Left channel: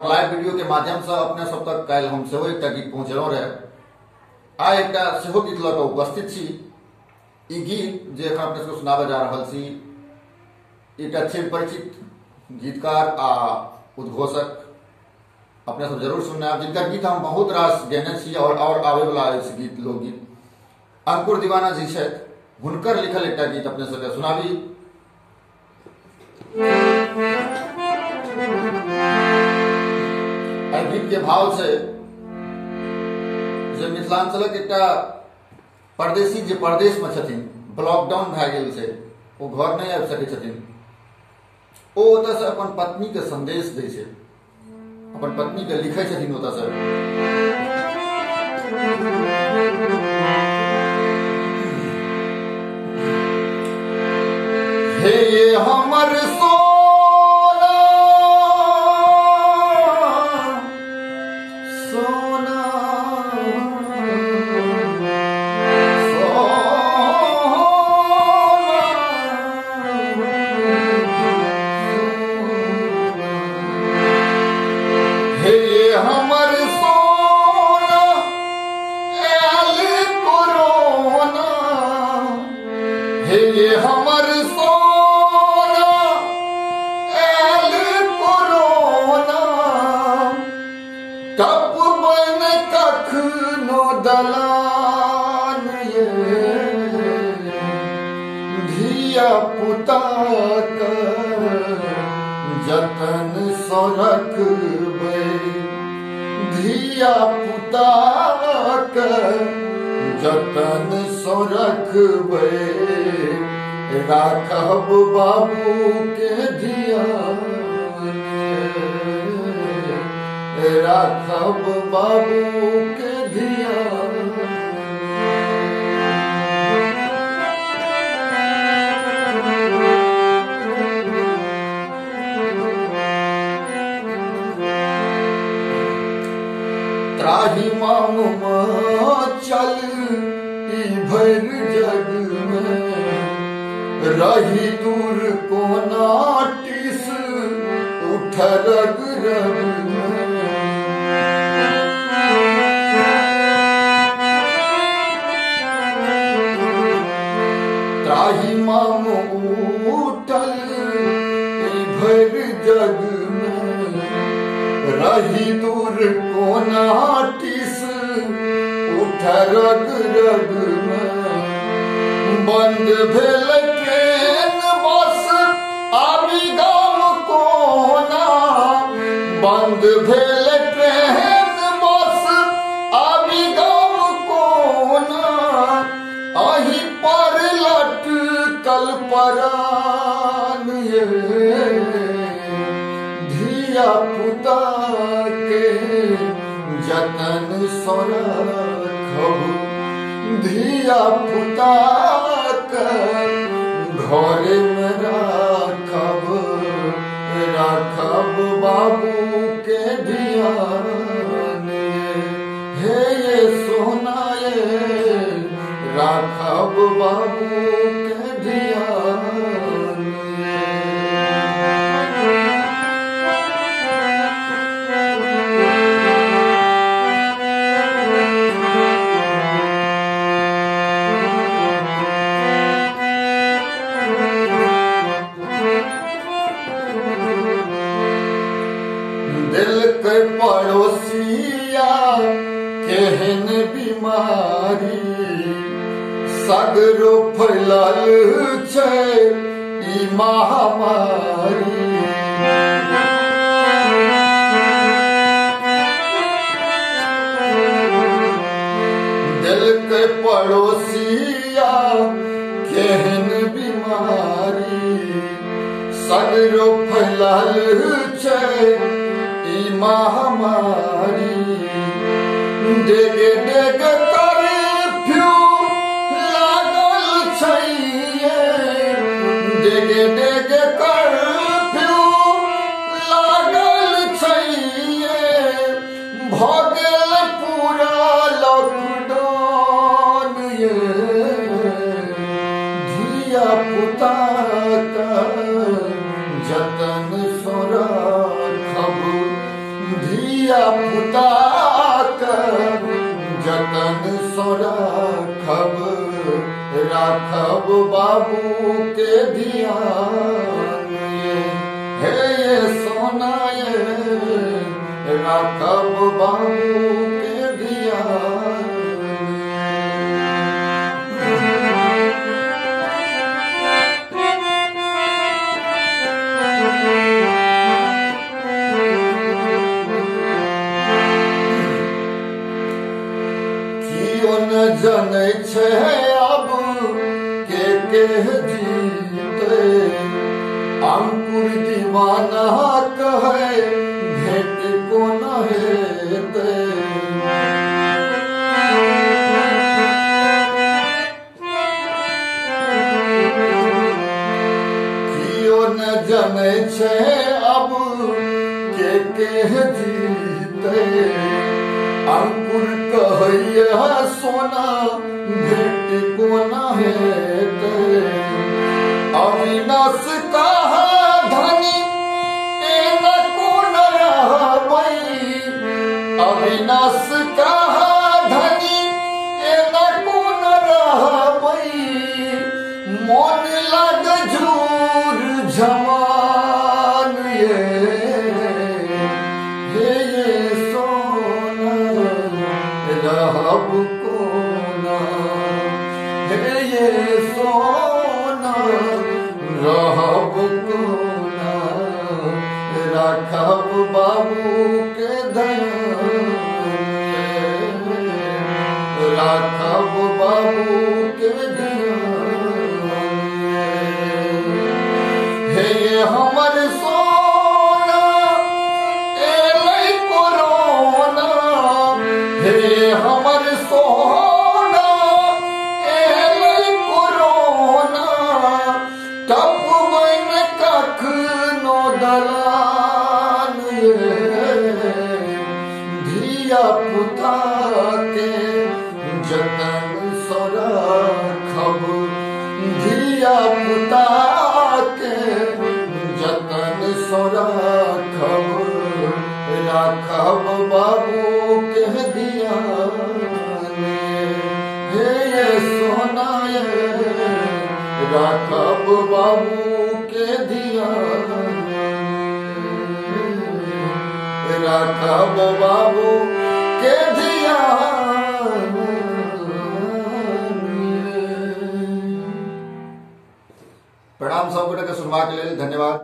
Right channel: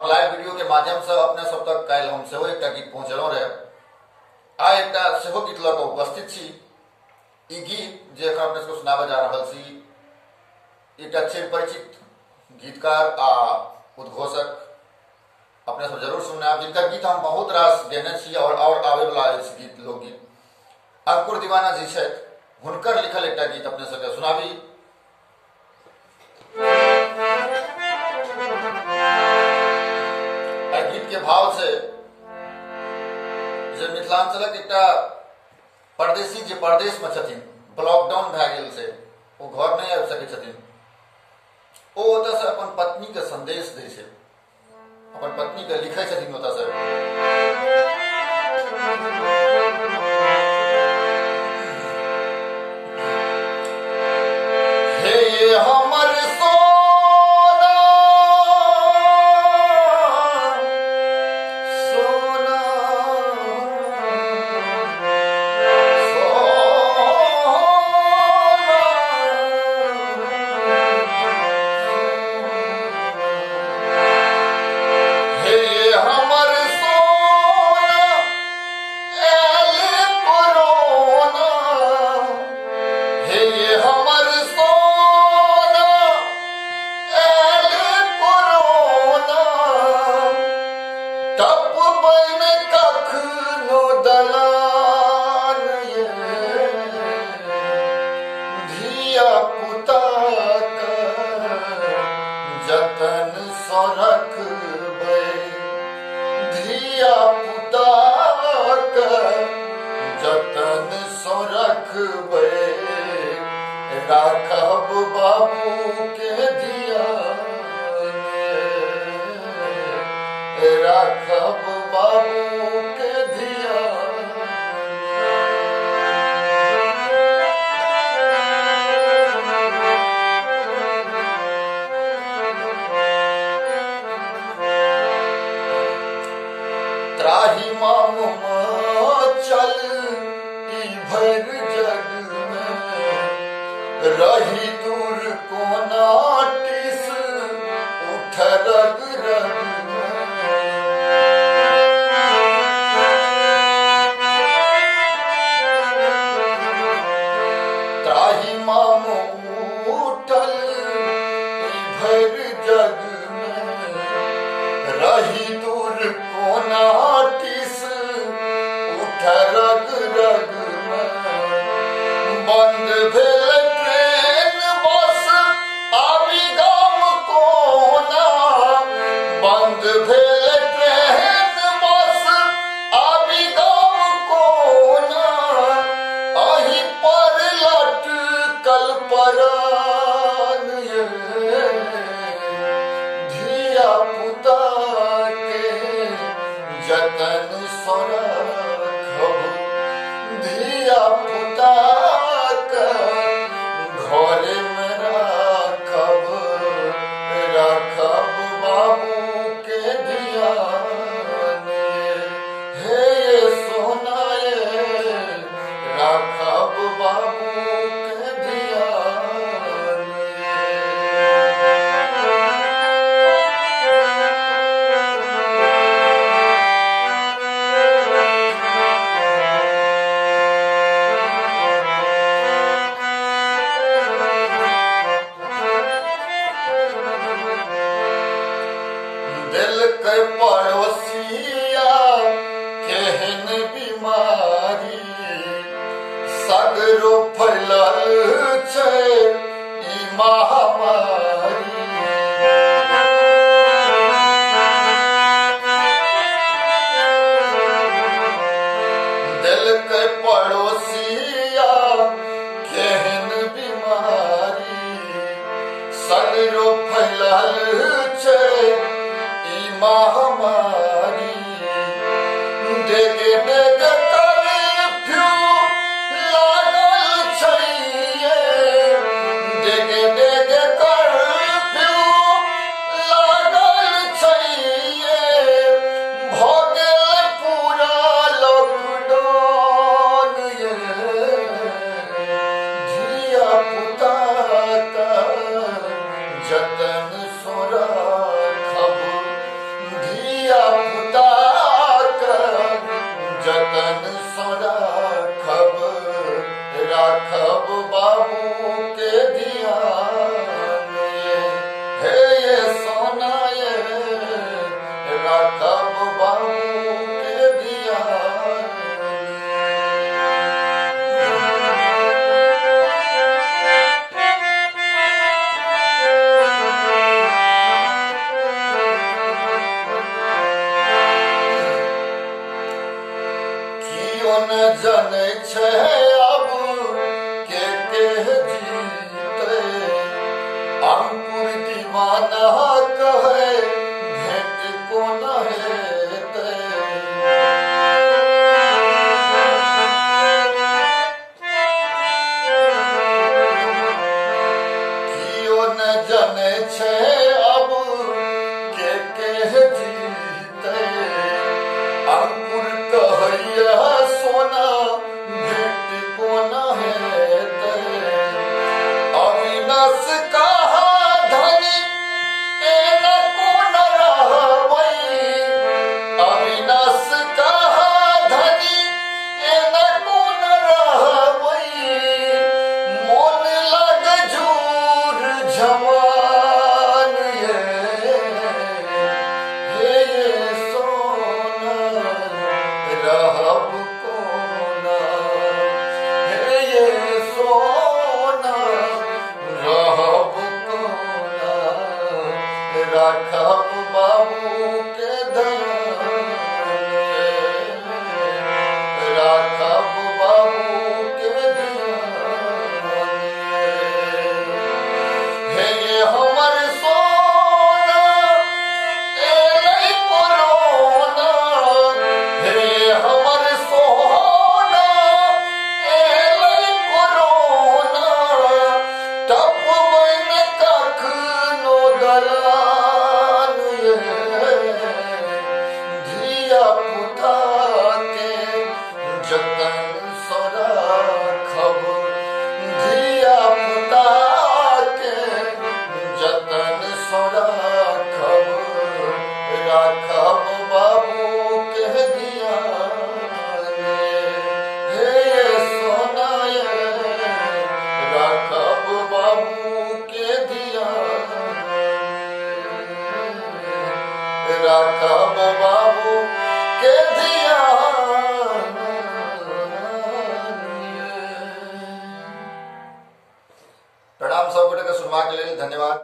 Live video के माध्यम से अपने सब तक कल हम सेहो एकटा गीत पहुंचलौ रहे। आइ एकटा सेहो गीत लऽ कऽ उपस्थित छी। ई गीत जे एखन अपने सबके सुनाबऽ जा रहल छी, एकटा चिर परिचित गीतकार आ उद्घोषक अपने सब जरूर सुनना, जिनका गीत हम बहुत रास गेने छी और आबे वाला अछि गीत लोकगीत। अंकुर दीवाना जी छथि, हुनकर लिखल एकटा गीत अपने सबके सुनाबी। गीत के भाव से जे मिथिलांचलक एकटा परदेसी जे परदेश में छथिन, लॉकडाउन भए गेल से ओ घर नहीं आबि सकै छथिन, ओ ओतऽ से अपन पत्नी के संदेश दै छै, अपन पत्नी के लिखै छथिन ओतऽ से। हे ये हमर जतन सो रखबै, धिया पुता के जतन सो रखबै, राखब बाबू के ध्यान, राखब बाबू के ध्यान। त्राही मांग चल ई भर जग में, रही दूर कोना टिस उठ रग रग में। त्राही मांग उठल ई भर जग में, रही दूर कोना टिस उठ रग रग में। बंद भेल ट्रेन बस आबि गाम कोना, बंद भेल ट्रेन बस आबि गाम कोना, अही पर लटकल परान ये धिया पुता के जतन सो रखब, धिया पुता के घर में राखब, राखब बाबू के ध्यान। हे ये सोना ये राखब बाबू के ध्यान। दिल के पड़ोसिया केहन बीमारी, सगरो फैलल छै ई महामारी। दिल के पड़ोसिया केहन बीमारी, सगरो फैलल छै महामारी। डेगे डेगे कर्फ्यू लागल छै, डेगे डेगे कर्फ्यू लागल छै, भऽ गेल पूरा लॉकडाउन ये धिया पुता के जतन सो रखब, धिया पुता जतन सो राखब राखब बाबू के ध्यान हे ये सोना ये राखब बाबू के ध्यान। न जने छे अब के जीते अंकुर दीवाना कहे भेंट को न हेते कियो न जने छे अब के जीते अंकुर कहैया सोना भेंट को न हेते अविनाश कहा धनी एना को न रहबै अविनाश कहा धनी एना को न रहबै मन लग झूर जवान ये सोना रहब कोना हे ये सोना रहब कोना राखब बाबू के धन राखब बाबू के धन हे ये हमर सोना एलै कोरोना हे हमर सोना एलै कोरोना टपबै न कखनो दलान धिया पुता के जतन सो राखब धिया पुता के जतन सो राखब राखब बाबू के ध्यान हे ये सोना राखब बाबू के ध्यान राखब बाबू के ध्यान। प्रणाम सब गोटे के सुनवा के लेल धन्यवाद।